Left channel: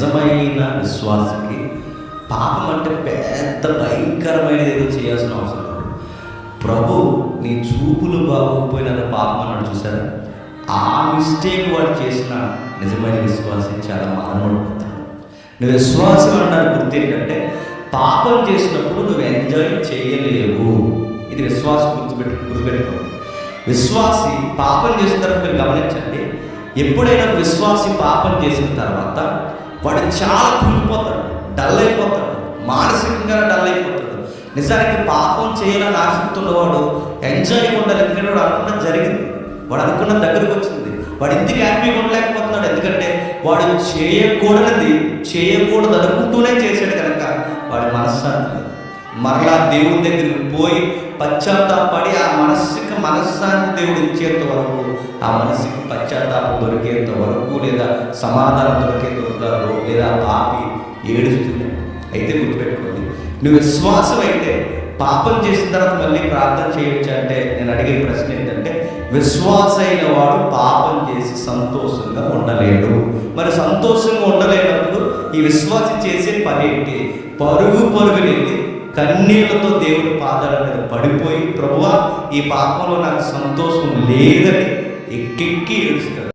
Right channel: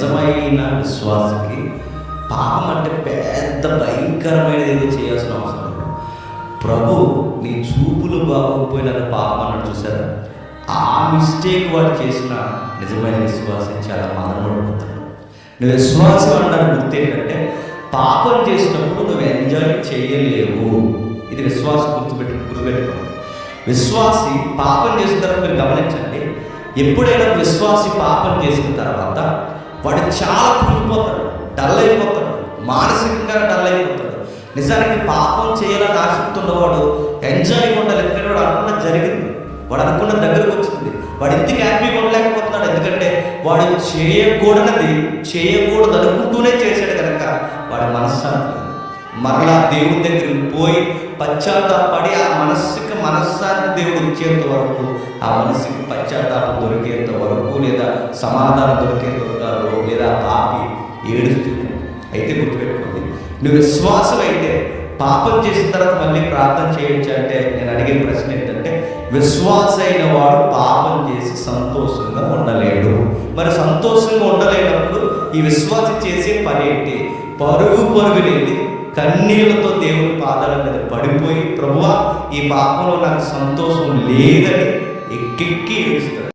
నిజమైన విశ్వాసకి పాపం అంటే పెద్ద భయంకరమైనది ఏదో చేయాల్సిన అవసరం లేదు. ప్రభు నీ చూపులు బాగోకపోయినా పాపం అన్నాడు చూసారా? ఆ మిస్టేక్ వాడు చేసిన నిజమైన విశ్వాసం చాలా మదనపడిపోతాడు. నువ్వు విశ్వాసం అన్నారు గుర్తు ఏంటంటే పాపం చేసినప్పుడు నువ్వు ఎంజాయ్ చేయలేవు. ఇది విశ్వాసం గుర్తుపెట్టు గుర్తుపెట్టుకో. విశ్వాసి పాపం చేసిన తర్వాత మీరు గమనించండి ఎప్పుడైనా విశ్వాసి పాపం చేసిన తర్వాత వాడు చాలా కుంగిపోతాడు డల్ అయిపోతాడు మానసికంగా డల్ అయిపోతాడు. నిజానికి పాపం చేయాలని ఆసక్తి ఉన్నవాడు ఎంజాయ్గా ఉండాలి ఎందుకంటే వాడు అనుకున్నది జరిగింది. వాడు అనుకున్న దగ్గరకు వచ్చింది. వాడు ఇంటికి హ్యాపీగా ఉండలేకపోతున్నాడు ఎందుకంటే వాడు చేయకూడనిది చేయకూడదు అనుకుంటూనే చేశాడు కనుక వాడి మనశ్శాంతి మరలా దేవుని దగ్గరికి పోయి పశ్చాత్తాపడి ఆ మనస్సుకి మనశ్శాంతి దేవుడు ఇచ్చేంత వరకు ఆ మనసుకి పశ్చాత్తాపం దొరికేంత వరకు లేదా సమాధానం దొరికేంత వరకు లేదా పాపి ఏడుస్తుంది. అయితే గుర్తుపెట్టుకోండి. నువ్వు విశ్వాసం అయితే పాపం చేసిన తర్వాత మళ్ళీ ప్రార్థన చేయొచ్చు అంటే నేను అడిగే ప్రశ్న ఏంటంటే విశ్వాస అయిన వాడు పాపం చేసి సంతోషంగా ఉండలేడు. మరి సంతోషంగా ఉండలేనప్పుడు ఈ విశ్వాసం చేసే పని ఏంటి? పరుగు పరుగునెళ్ళి కన్నీళ్ళతో దేవుని పాదాల మీద పడిపోయి ప్రభువా ఈ పాపంలో నాకు సంతోషం లేదని ఎక్కెక్కి ఏడుస్తాడు.